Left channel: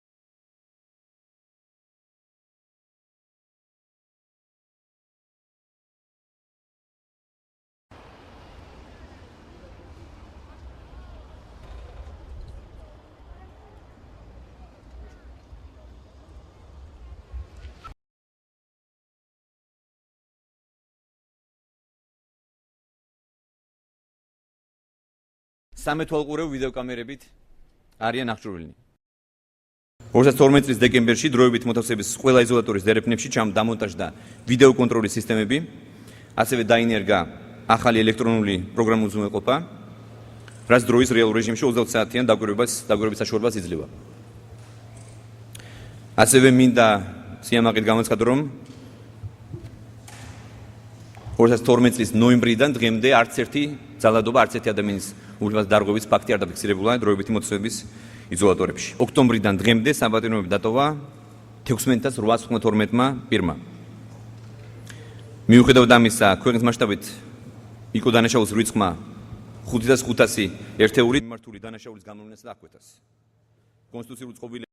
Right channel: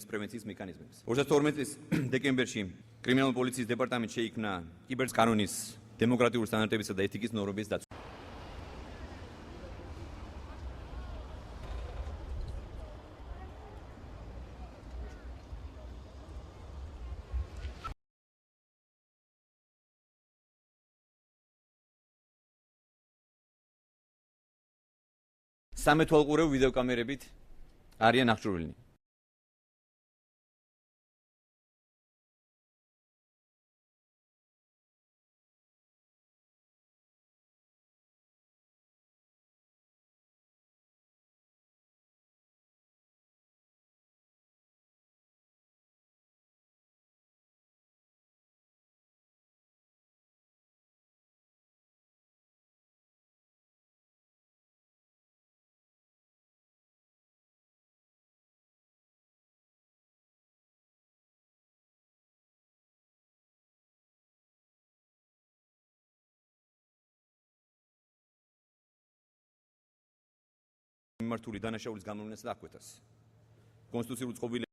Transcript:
დაკავების პრევენციის მექანიზმებს. 2012 წლის დეკემბერში კრიმინალური პოლიციის დეპარტამენტში შეიქმნა კიბერკანონის დემოკრატიული სტანდარტებისა და ეთიკის ნორმების დაცვა. სამეთვალყურეო ვიდეოკამერებით არიან აღჭურვილნი. 2012 წლის დეკემბერში დროებით მოთავსების ყველა იზოლატორის დერეფნებში დამონტაჟდა ვიდეო კონტროლის სისტემები, ასევე დაინერგა ახალი ელექტრონული პროგრამული უზრუნველყოფა, რაც დროის რეალურ რეჟიმში 20 საათიან დაკვირვების საშუალებას იძლევა. ასევე მინდა სიამაყედ გამოცხადო, რომ 2012 წლის ნოემბრიდან დღემდე არც ერთი ძალადობა, არც ერთი ადამიანის უბედური დარღვევის ფაქტი არ დაფიქსირებულა დროებითი მოთავსების იზოლატორებში. ოქტომბრიდან დღემდე საპატიმროები დატოვა 16892-მა პირმა. მიუხედავად ამისა, ქვეყნის მასშტაბით იყო დანაშაულის რიცხვმა 5500 ერთეული მიმართული დანაშაულის გამოვლენას დააკვეთას. კონსტიტუციური წყობილება